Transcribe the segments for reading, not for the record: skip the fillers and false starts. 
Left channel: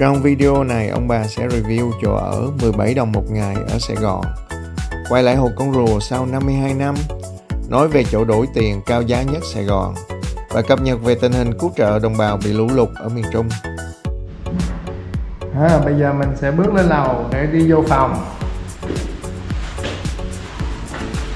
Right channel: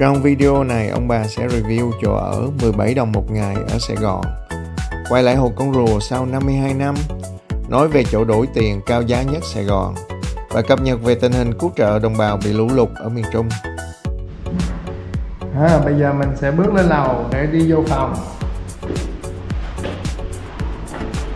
Trong video này, ông bà sẽ review chỗ ở 17 đồng một ngày ở Sài Gòn. Quay lại Hồ Con Rùa sau 52 năm, nói về chỗ đổi tiền cao giá nhất Sài Gòn và cập nhật về tình hình cứu trợ đồng bào bị lũ lụt ở miền Trung. Bây giờ mình sẽ bước lên lầu để đi vô phòng.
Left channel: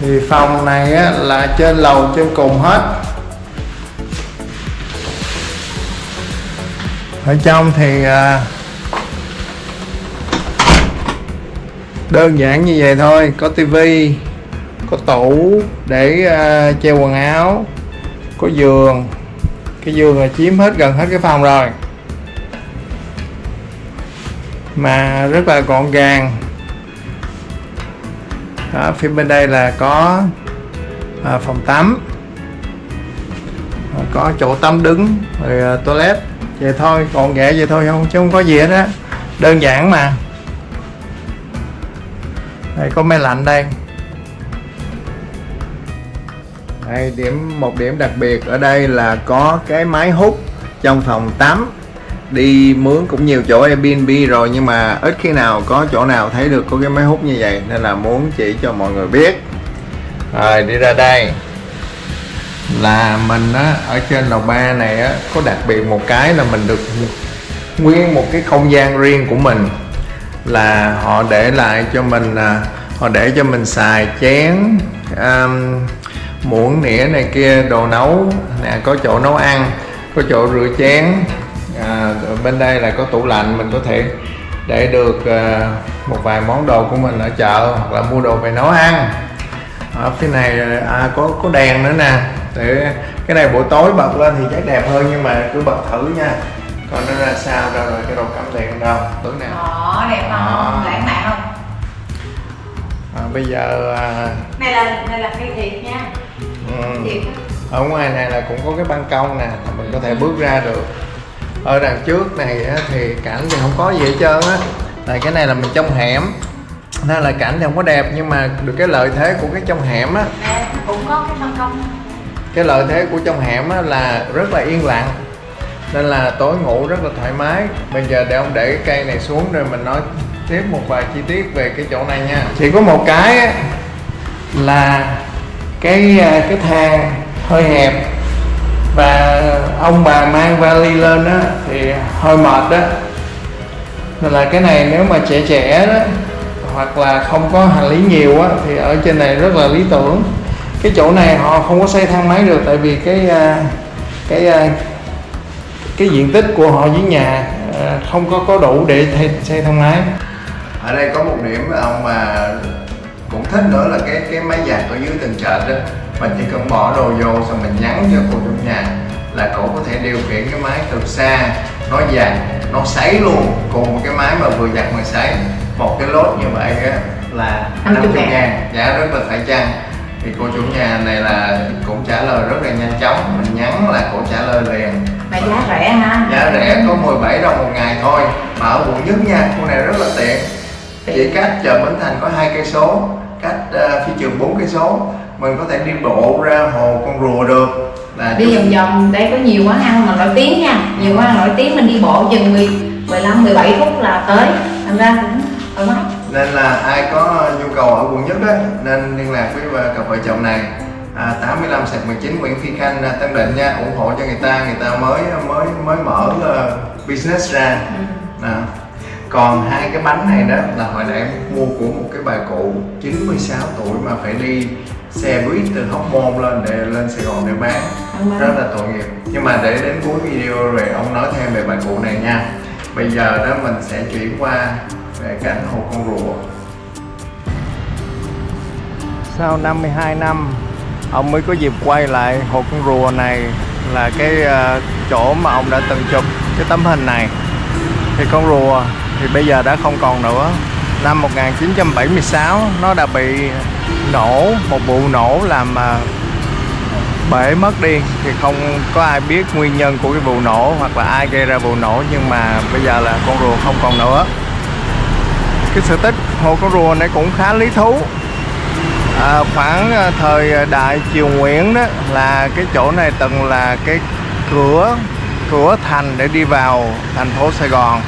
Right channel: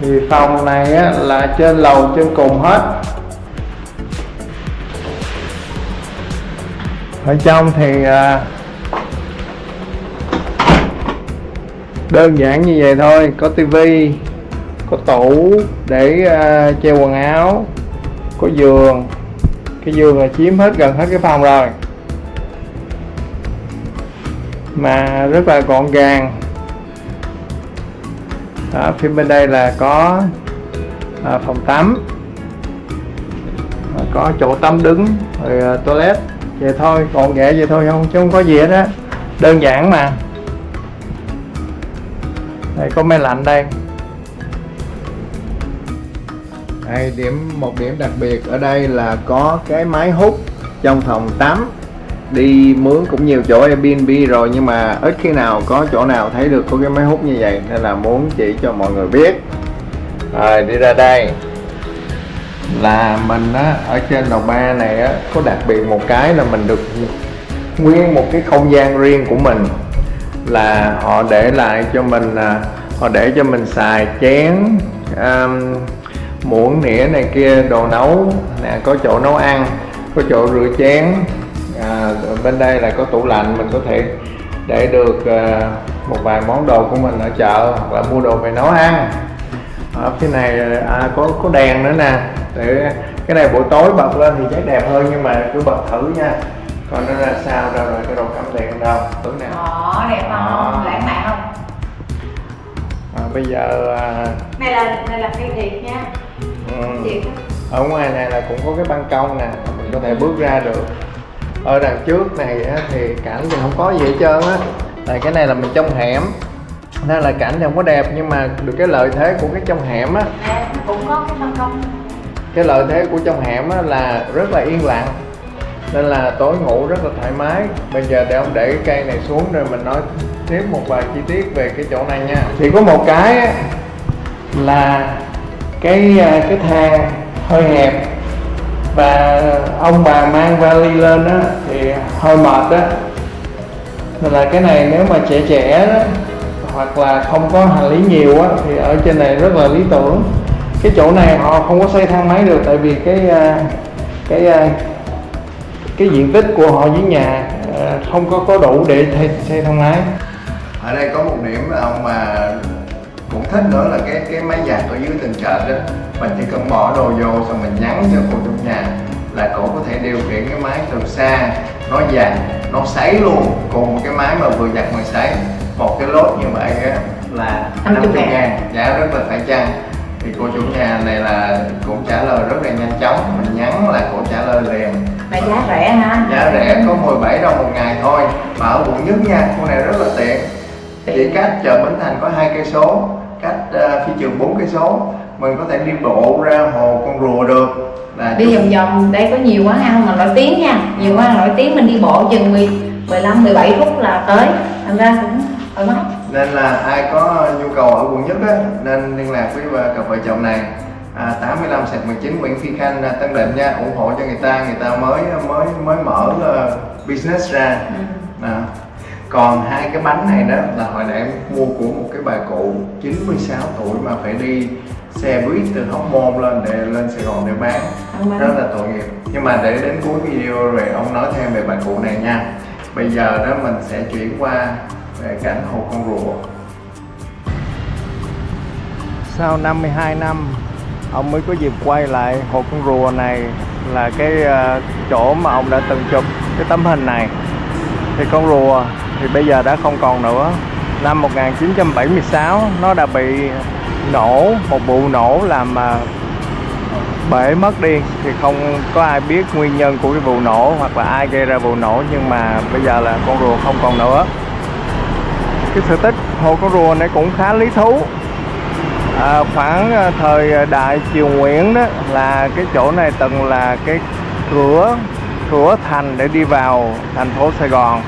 Thì phòng này là trên lầu trên cùng hết. Ở trong thì đơn giản như vậy thôi, có tivi, có tủ để treo quần áo, có giường. Cái giường là chiếm gần hết cái phòng rồi, mà rất là gọn gàng. Đó, phía bên đây là có phòng tắm, có chỗ tắm đứng, rồi toilet. Vậy thôi, gọn ghẹ vậy thôi chứ không có gì hết á, đơn giản mà. Đây có máy lạnh đây. Đây, một điểm đặc biệt ở đây là có cái máy hút trong phòng tắm. Đi mướn cũng nhiều chỗ Airbnb rồi, nhưng mà ít khi nào có chỗ nào thấy được có cái máy hút như vậy, nên là muốn chỉ cho mọi người biết. Rồi đi ra đây là mình ở trên lầu 3 này có đặc biệt một cái là mình được nguyên một cái không gian riêng của mình, là họ để lại cho mình, họ để cho mình xài chén, muỗng nĩa này kia, đồ nấu nè, có chỗ nấu ăn, có chỗ rửa chén. Bên đây là có tủ lạnh, mình có thể để được một vài món đồ của mình ở chợ hoặc là mua đồ về nấu ăn. Ở phía này có đèn nữa nè, để cái này buổi tối bật lên thì chắc đẹp hơn, nhưng mà cứ bật thử nha, còn nó ra sao rồi cái đồ cắm đèn đâu tưởng nè. Đẹp không? Lãng mạn không? Bây giờ này là cây thiệt nha. Thiệt. Ở ngoài này là cũng có cái ban công nè, mình có thể bước ra được. Ở đằng trước này thì cảnh thì không có gì hết trơn á, tại cái này là mình trong hẻm nên là cảnh thì không có đẹp, nhưng mà được cái lợi thế của cái trong hẻm á, cũng có cái ban công. cái lợi thế của trong hẻm á là rất là yên lặng, nên là tối ngủ rất là thoải mái. Bây giờ để ông để cái cây này xuống rồi mình nói tiếp một vài chi tiết về cái chỗ này nha. Chỉ có một cái là cái thang hơi hẹp, và ông bà mang vali lên á thì hơi mệt đó, nên là cái này nếu mà trẻ đó, hoặc là không có hành lý nhiều á, thì ở trên này rất là lý tưởng. Cái chỗ này họ không có xây thang máy được, tại vì cái diện tích của họ với nhà không có đủ để xây thang máy. Ở đây có một điểm mà ông mà cũng thích nữa là cái máy giặt ở dưới tầng trệt đó. Mình chỉ cần bỏ đồ vô xong mình nhắn cho cô trong nhà là cổ có thể điều khiển cái máy từ xa, nó giặt, nó sấy luôn, cùng một cái máy mà vừa giặt mà sấy. Một cái lốt như vậy là 50.000, giá rất là phải chăng. Thì cô chủ nhà này là cũng trả lời rất là nhanh chóng, mình nhắn là cô trả lời liền. Mà giá rẻ ha? Giá rẻ, có 17 đồng một ngày thôi, mà ở quận Nhất nha, cô này rất là tiện. Chỉ cách chợ Bến Thành có 2 cây số, cách phi trường 4 cây số, mình có thể đi bộ ra Hồ Con Rùa được. Đi vòng vòng, đây có nhiều quán ăn mà nổi tiếng nha, nhiều quán ăn nổi tiếng, mình đi bộ chừng 15-17 phút là tới, thành ra cũng thoải mái. Nên là ai có nhu cầu ở quận Nhất á, nên liên lạc với cặp vợ chồng này. 85/19 Nguyễn Phi Khanh, Tân Định nha, ủng hộ cho người ta mới mở business ra. Còn 2 cái bánh này đó là hồi nãy em mua của một cái bà cụ 96 tuổi mà phải đi xe buýt từ Hóc Môn lên Sài Gòn để bán, rất là tội nghiệp. Nhưng mà để đến cuối video rồi ông nói thêm về bà cụ này nha. Bây giờ đó mình sẽ chuyển qua về cảnh Hồ Con Rùa. Sau 52 năm, ông mới có dịp quay lại Hồ Con Rùa này, là cái chỗ mà ông đã từng chụp cái tấm hình này. Thì con rùa thì bây giờ đã không còn nữa. Năm 1976 nó đã bị nổ, một vụ nổ làm bể mất đi. Thì không có ai biết nguyên nhân của cái vụ nổ hoặc là ai gây ra vụ nổ, nhưng mà bây giờ là con rùa không còn nữa. Cái sự tích Hồ Con Rùa này cũng khá lý thú. Khoảng thời đại Triều Nguyễn đó, là cái chỗ này từng là cái cửa thành để đi vào thành phố Sài Gòn.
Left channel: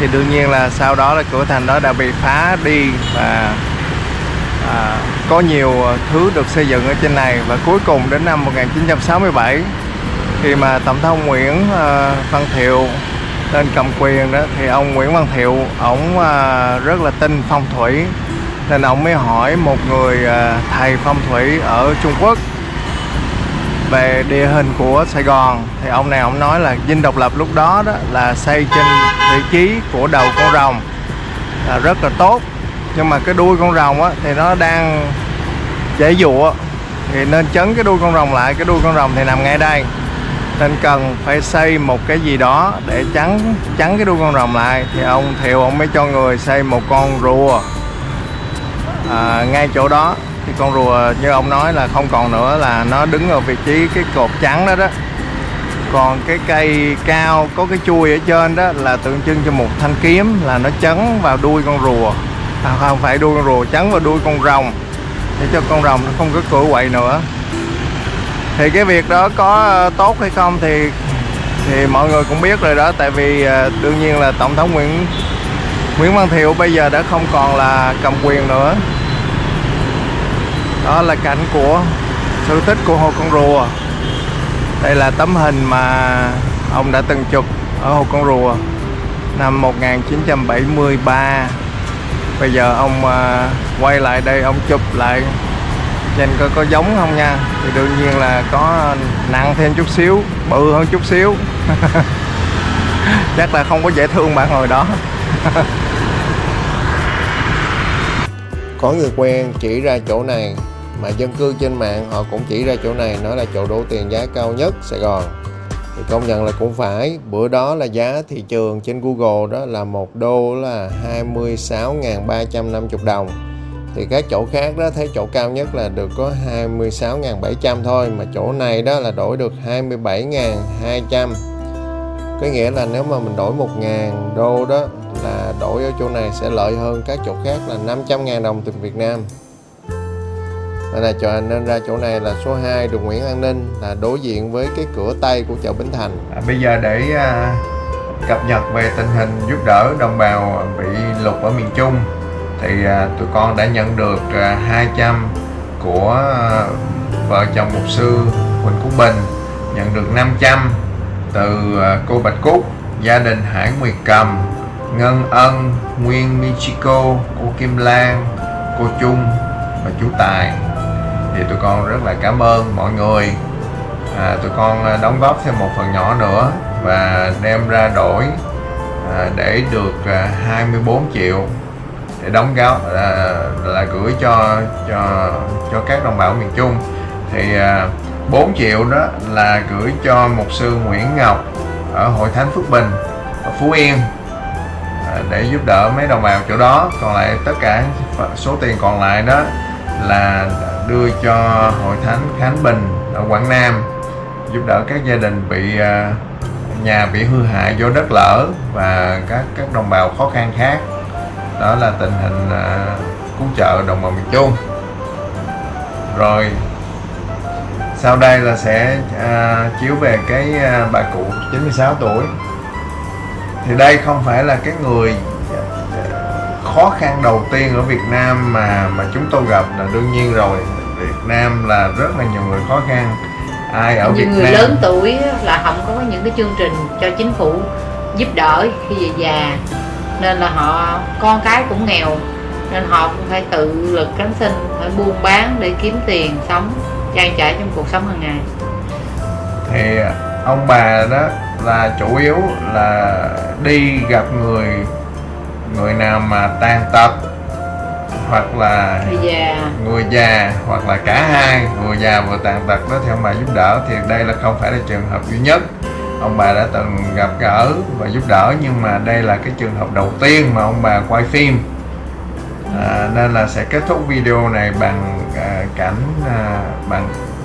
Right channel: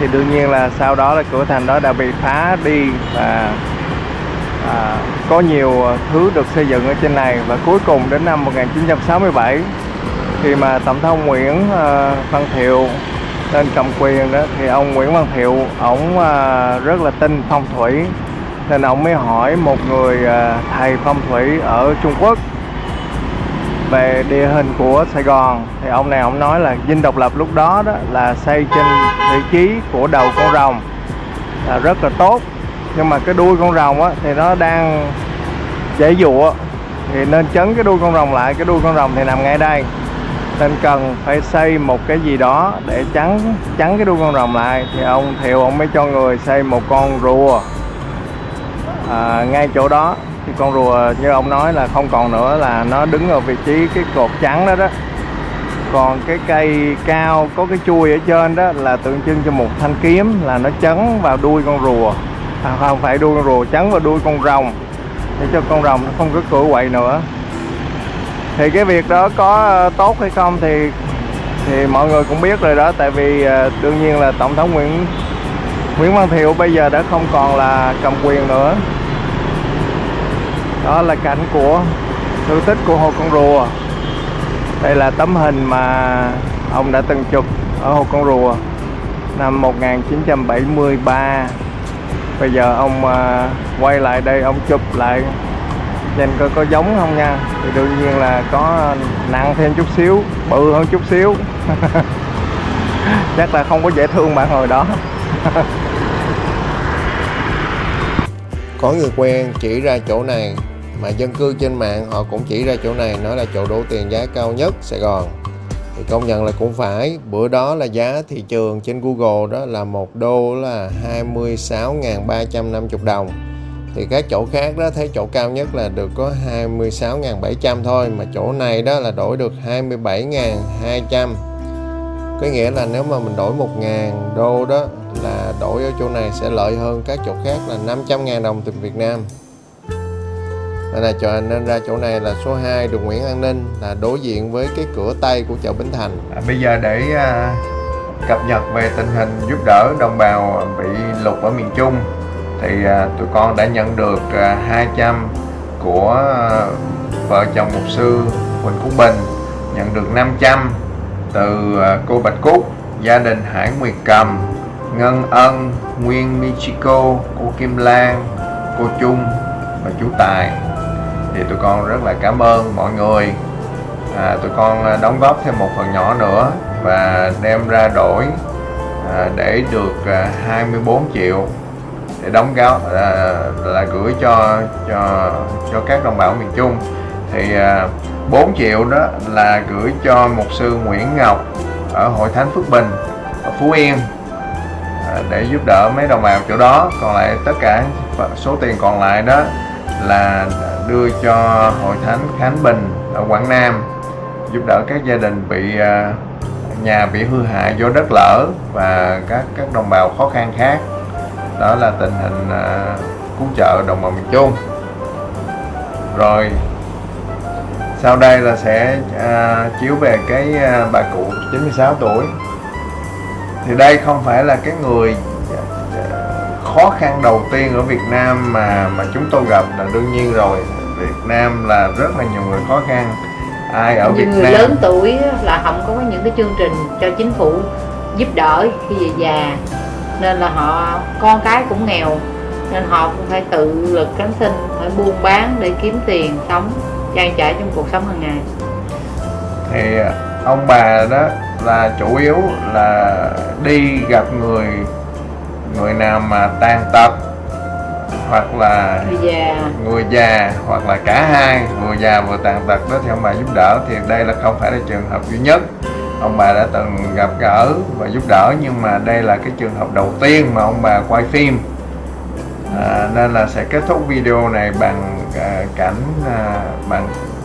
thì đương nhiên là sau đó là cửa thành đó đã bị phá đi và có nhiều thứ được xây dựng ở trên này. Và cuối cùng đến năm 1967 khi mà Tổng thống Nguyễn Văn Thiệu lên cầm quyền đó, thì ông Nguyễn Văn Thiệu ổng rất là tin phong thủy, nên ông mới hỏi một người thầy phong thủy ở Trung Quốc về địa hình của Sài Gòn. Thì ông này ông nói là Dinh Độc Lập lúc đó là xây trên vị trí của đầu con rồng là rất là tốt, nhưng mà cái đuôi con rồng thì nó đang dãy dụa, thì nên chấn cái đuôi con rồng lại. Cái đuôi con rồng thì nằm ngay đây, nên cần phải xây một cái gì đó để chắn cái đuôi con rồng lại. Thì ông Thiệu ông mới cho người xây một con rùa ngay chỗ đó. Thì con rùa như ông nói là không còn nữa, là nó đứng ở vị trí cái cột trắng đó. Còn cái cây cao có cái chuôi ở trên đó là tượng trưng cho một thanh kiếm, là nó chấn vào đuôi con rùa, không phải đuôi con rùa, chấn vào đuôi con rồng để cho con rồng nó không có cựa quậy nữa. Thì cái việc đó có tốt hay không thì mọi người cũng biết rồi đó. Tại vì đương nhiên là Tổng thống Nguyễn Văn Thiệu bây giờ đã không còn là cầm quyền nữa. Đó là cảnh của sự tích của Hồ Con Rùa. Đây là tấm hình mà ông đã từng chụp ở Hồ Con Rùa năm 1973. Bây giờ ông quay lại đây, ông chụp lại nhìn coi có giống không nha. Thì đương nhiên là có nặng thêm chút xíu, bự hơn chút xíu. Chắc là không có dễ thương bạn hồi đó. Có người quen chỉ ra chỗ này, mà dân cư trên mạng họ cũng chỉ ra chỗ này, nói là chỗ đổ tiền giá cao nhất Sài Gòn. Thì công nhận là cũng phải. Bữa đó là giá thị trường trên Google đó là 1 đô là 26.350 đồng. Thì các chỗ khác đó thấy chỗ cao nhất là được có 26.700 thôi, mà chỗ này đó là đổi được 27.200. Có nghĩa là nếu mà mình đổi 1.000 đô đó là đổi ở chỗ này sẽ lợi hơn các chỗ khác là 500.000 đồng tiền Việt Nam. Nên ra chỗ này là số 2 đường Nguyễn An Ninh, là đối diện với cái cửa Tây của chợ Bến Thành. Bây giờ để cập nhật về tình hình giúp đỡ đồng bào bị lụt ở miền Trung, thì tụi con đã nhận được 200 của vợ chồng mục sư Huỳnh Quốc Bình, nhận được 500 từ cô Bạch Cúc, gia đình Hải Nguyệt Cầm, Ngân Ân, Nguyên Michiko, cô Kim Lan, cô Trung và chú Tài. Thì tụi con rất là cảm ơn mọi người. Tụi con đóng góp thêm một phần nhỏ nữa và đem ra đổi để được 24 triệu để đóng góp là gửi cho các đồng bào miền Trung. Thì 4 triệu đó là gửi cho mục sư Nguyễn Ngọc ở Hội Thánh Phước Bình ở Phú Yên để giúp đỡ mấy đồng bào chỗ đó. Còn lại tất cả số tiền còn lại đó là đưa cho Hội Thánh Khánh Bình ở Quảng Nam, giúp đỡ các gia đình bị nhà bị hư hại do đất lở và các đồng bào khó khăn khác. Đó là tình hình cứu trợ đồng bào miền Trung. Rồi sau đây là sẽ chiếu về cái bà cụ 96 tuổi. Thì đây không phải là cái người khó khăn đầu tiên ở Việt Nam mà chúng tôi gặp, là đương nhiên rồi. Việt Nam là rất là nhiều người khó khăn. Ai ở Việt Nam người lớn tuổi là không có những cái chương trình cho chính phủ giúp đỡ khi về già, nên là họ con cái cũng nghèo, nên họ cũng phải tự lực cánh sinh, phải buôn bán để kiếm tiền sống trang trải trong cuộc sống hàng ngày. Thì ông bà đó là chủ yếu là đi gặp người nào mà tàn tật, hoặc là người già, hoặc là cả hai, vừa già vừa tàn tật đó, thì ông bà giúp đỡ. Thì đây là không phải là trường hợp duy nhất, ông bà đã từng gặp gỡ và giúp đỡ, nhưng mà đây là cái trường hợp đầu tiên mà ông bà quay phim. Nên là sẽ kết thúc video này bằng cảnh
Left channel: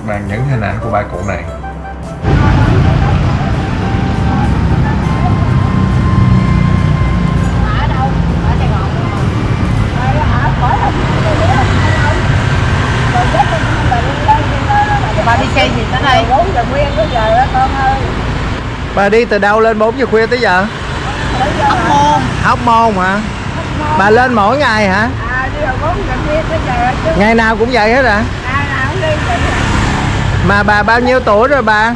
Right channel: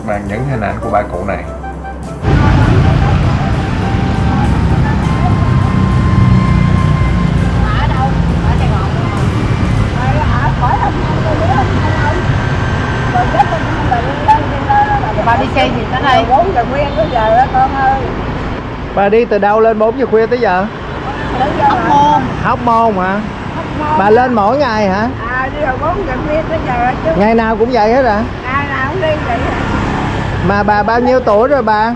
bằng những hình ảnh của bà cụ này. Bà đi xe gì tới đây? 4 giờ khuya tới giờ đó con ơi. Bà đi từ đâu lên 4 giờ khuya tới giờ? Hóc Môn. Hóc Môn hả? Bà lên mỗi ngày hả? Đi rồi 4 giờ khuya tới giờ chứ. Ngày nào cũng vậy hết à? Nào cũng đi vậy. Mà bà bao nhiêu tuổi rồi bà?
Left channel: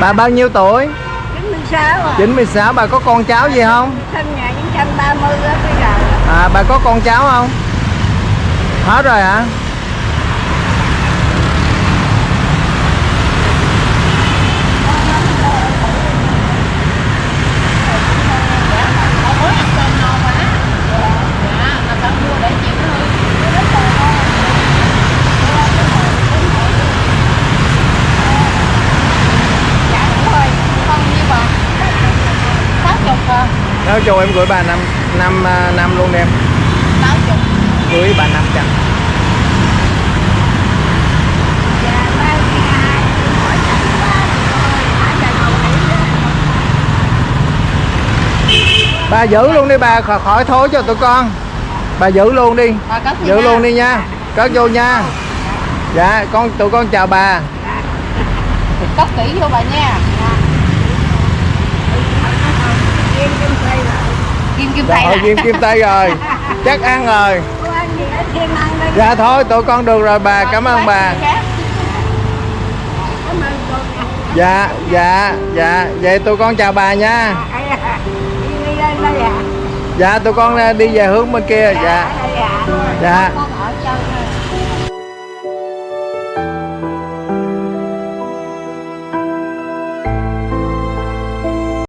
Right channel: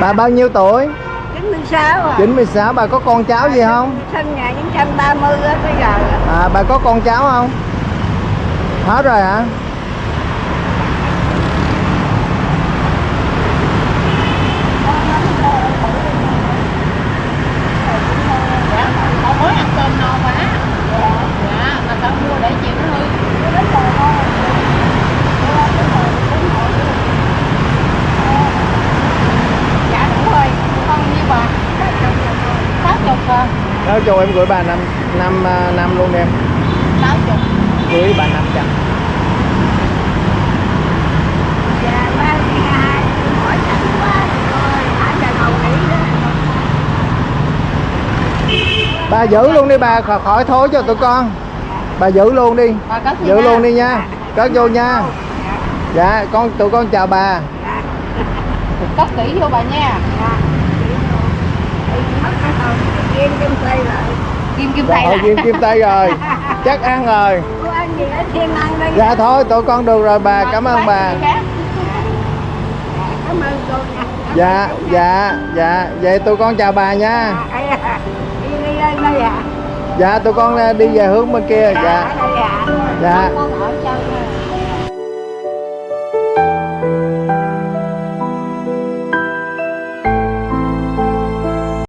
Bà bao nhiêu tuổi? 96 rồi. 96. Bà có con cháu gì không? Sinh 1930 á tới giờ. Bà có con cháu không? Hết rồi hả? Họ mới ăn cơm no quá. Dạ, mà tao mua để chịu nó hư. Dạ đúng rồi, con nhiêu bà? 60 à? Nói cho em gửi bà năm luôn đi em. 60. Gửi bà 500. Dạ, 32 hỏi chẳng qua rồi, thả đàn hầu nghỉ đó. Bà giữ luôn đi bà, khỏi thối cho tụi con. Bà giữ luôn đi. Bà cất đi Giữ nha. luôn đi nha. Cất vô nha. Dạ, tụi con chào bà. Cất kỹ vô bà nha. Kim kim tây rồi. Kim Dạ, tay hồi lại. kim tay rồi. Chắc ăn rồi. Cô ăn gì ở thiên ăn đây. Dạ thôi, tụi con được rồi bà, cảm ơn bà. Cảm ơn cô nha. Dạ, vậy tụi con chào bà nha. Đi lên đây à? Dạ, tụi con đi về hướng bên kia. Dạ, Đây à? dạ. Con ở chơi